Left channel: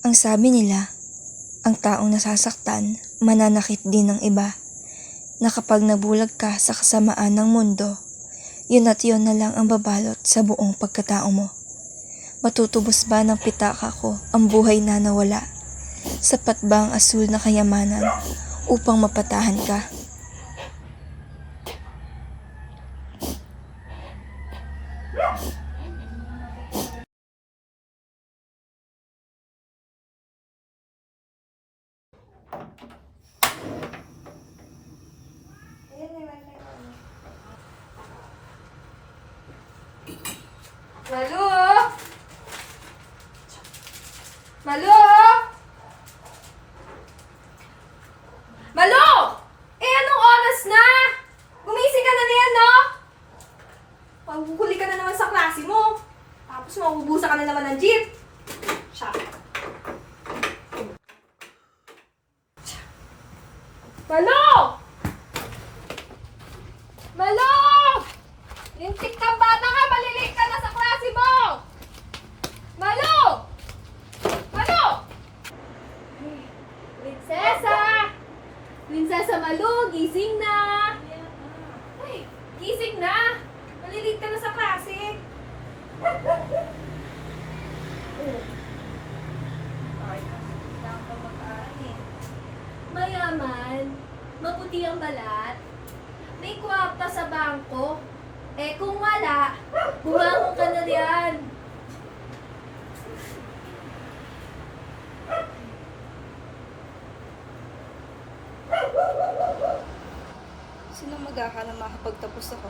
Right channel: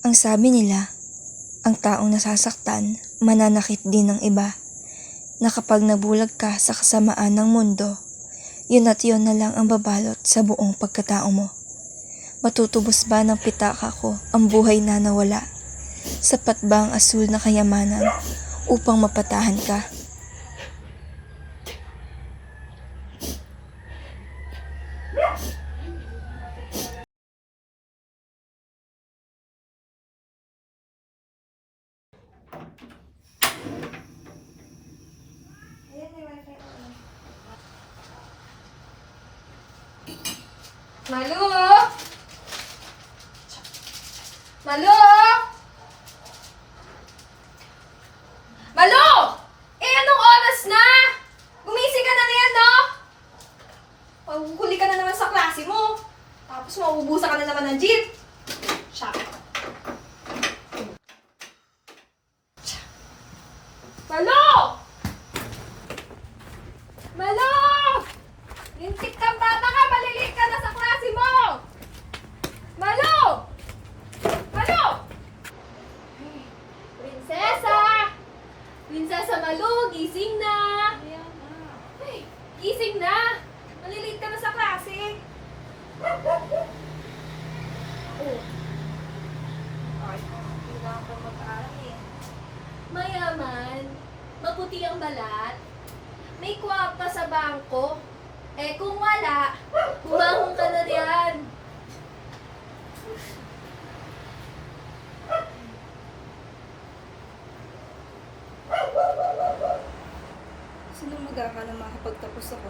Ang sabi nila, ang taong nasasaktan, mananakit din ng iba, na kapag nabulag ka sa kasamaan ng mundo, yun at yun na lang ang babalot sa buong pagkatao mo. Matutubos ba ng pitaka ko ang buhay na nawala? Sapat ba ang asul na kayamanan upang mapatahan ka? Malu! Malu! Malu! Anong oras na? Gumising ka na niyan, no? Mahuhuli ka na naman sa klase mo. Tapos mauubusan ka na naman ng jeep. Siya. Malu! Malu! Lintik kang bata ka! Malilate ka na sa klase mo! Malu! Malu! Prinsesa! Prinsesa Malu, gising na! Ay, gising na! Malilate ka na sa klase! Oh. Ay, hindi na ako mag-aaral eh. Mayaman, maputi ang balat, may kwarta sa bangko. Eh kung wala, bumangon ka na riyan. Sino mag-akala makapagtapos ako?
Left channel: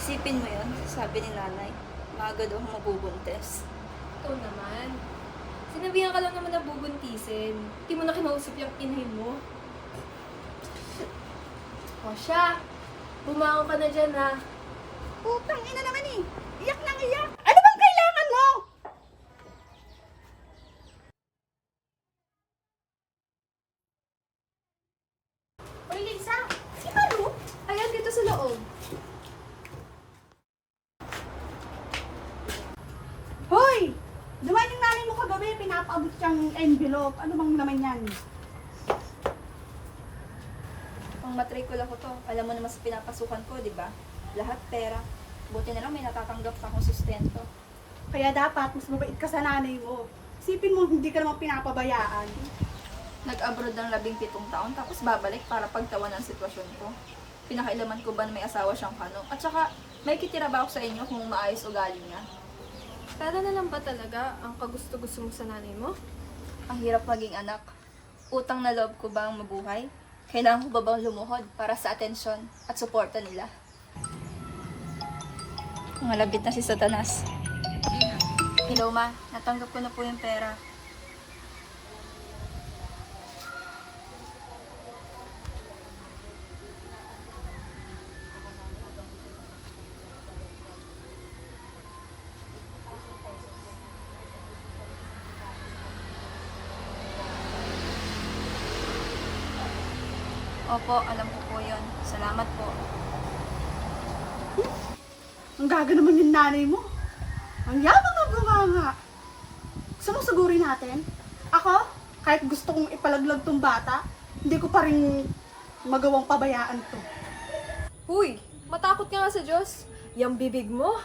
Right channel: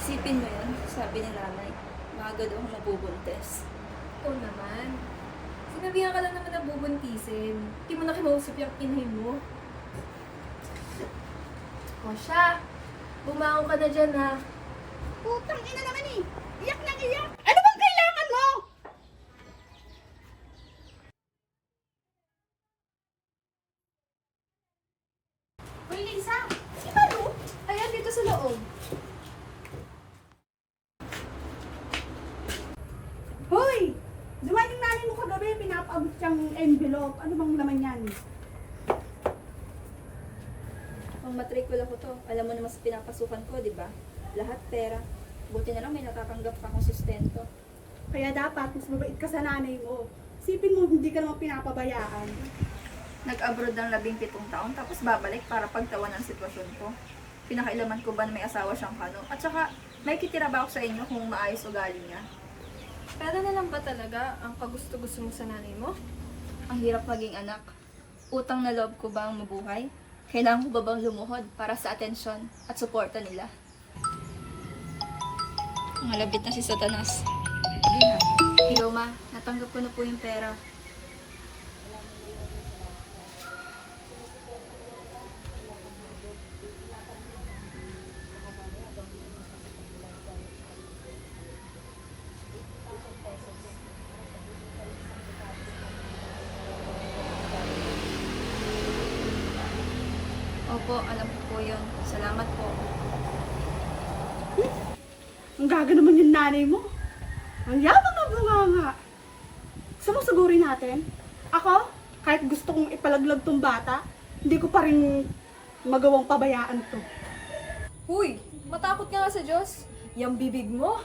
Isipin mo yun, sabi ni nanay, maaga daw ako mabubuntes. Ikaw naman. Sinabihan ka lang naman na bubuntisin. Hindi mo na kinausap yung inahin mo. O siya, bumangon ka na dyan ha. Putang ina naman eh. Iyak nang iyak. Ano bang kailangan mo? Uy, Lisa. Si Malu? Ayan, dito sa loob. Hoy! Dumating yung nanay mo kagabi, pinapaabot siyang envelope. Ano bang naman yan? Pang matrikula ko to, alam mo naman sa pinapasukan ko, di ba? Lahat pera. Buti na lang may natatanggap pa akong sustento. Kaya dapat, mas mabait ka sa nanay mo. Isipin mo, hindi ka naman pinapabayaan. Nag-abroad ng 17 taon, tapos babalik para pagtawan ng sitwasyon ko. Pinakailaman ko ba na may asawa siyang kanong? At saka, may kitira ba ako sa inyo kung maayos ugali niya? Pera na lang ba talaga ang kagusto-gusto mo sa nanay mo? Ang hirap maging anak. Utang na loob ko ba ang mabuhay? Kailangan ko ba bang lumuhod para sa atensyon at suporta nila? Malapit na si Satanas. Hello ma, natanggap ko na po yung pera. Opo, alam ko po yun. Salamat po. Ang gaga naman yung nanay mo. Ang yabang na bunganga. Gusto mo sugurin natin? Ako, kahit gusto kong ipalaglag tong bata, hindi ko pa rin magawang pabayaan to. Huy, matakot ka nga sa Diyos. Yang bibig mo.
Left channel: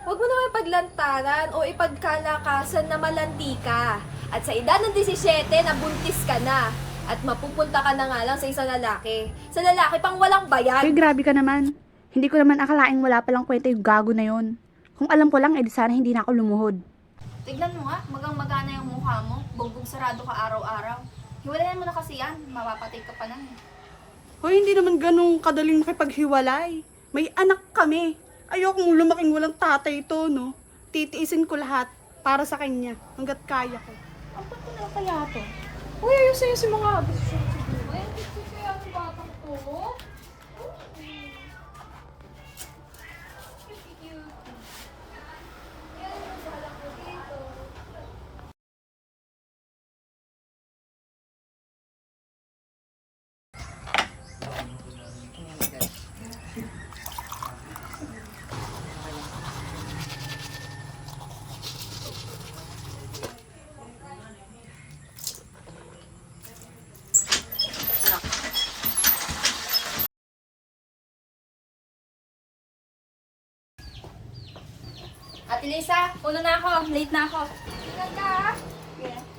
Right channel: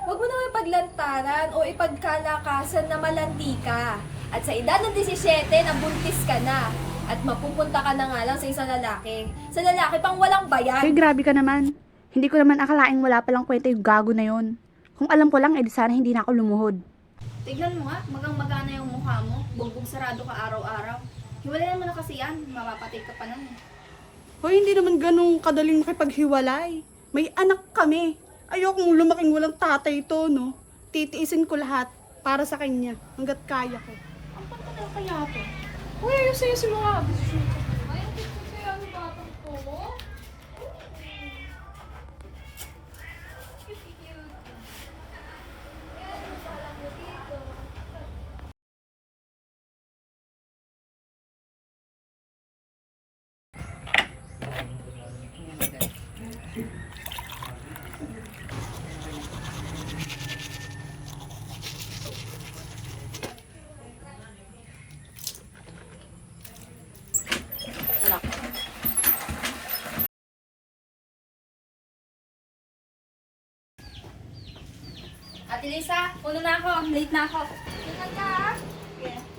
Huwag mo naman ipaglantaran o ipagkalakasan na malanti ka. At sa edad ng 17, nabuntis ka na. At mapupunta ka na nga lang sa isang lalaki. Sa lalaki pang walang bayan. Ay, grabe ka naman. Hindi ko naman akalaing wala palang kwenta yung gago na yon. Kung alam ko lang, edi sana hindi na ako lumuhod. Tignan mo nga, magang-magana yung mukha mo. Bugbog sarado ka araw-araw. Hiwalay naman na kasi yan, mapapatay ka pa nun eh. Hoy, hindi naman ganun kadaling makipaghiwalay. May anak kami. Ayokong lumaking walang tatay to, no? Titiisin ko lahat para sa kanya hanggat kaya ko. Ang na kaya to? Uy, ayun sa'yo si mga desisyon sa buhay. Ang gusto kaya ng batang ko mo. Ate Lisa, una na ako. Late na ako. Ingat ka ha. Yeah.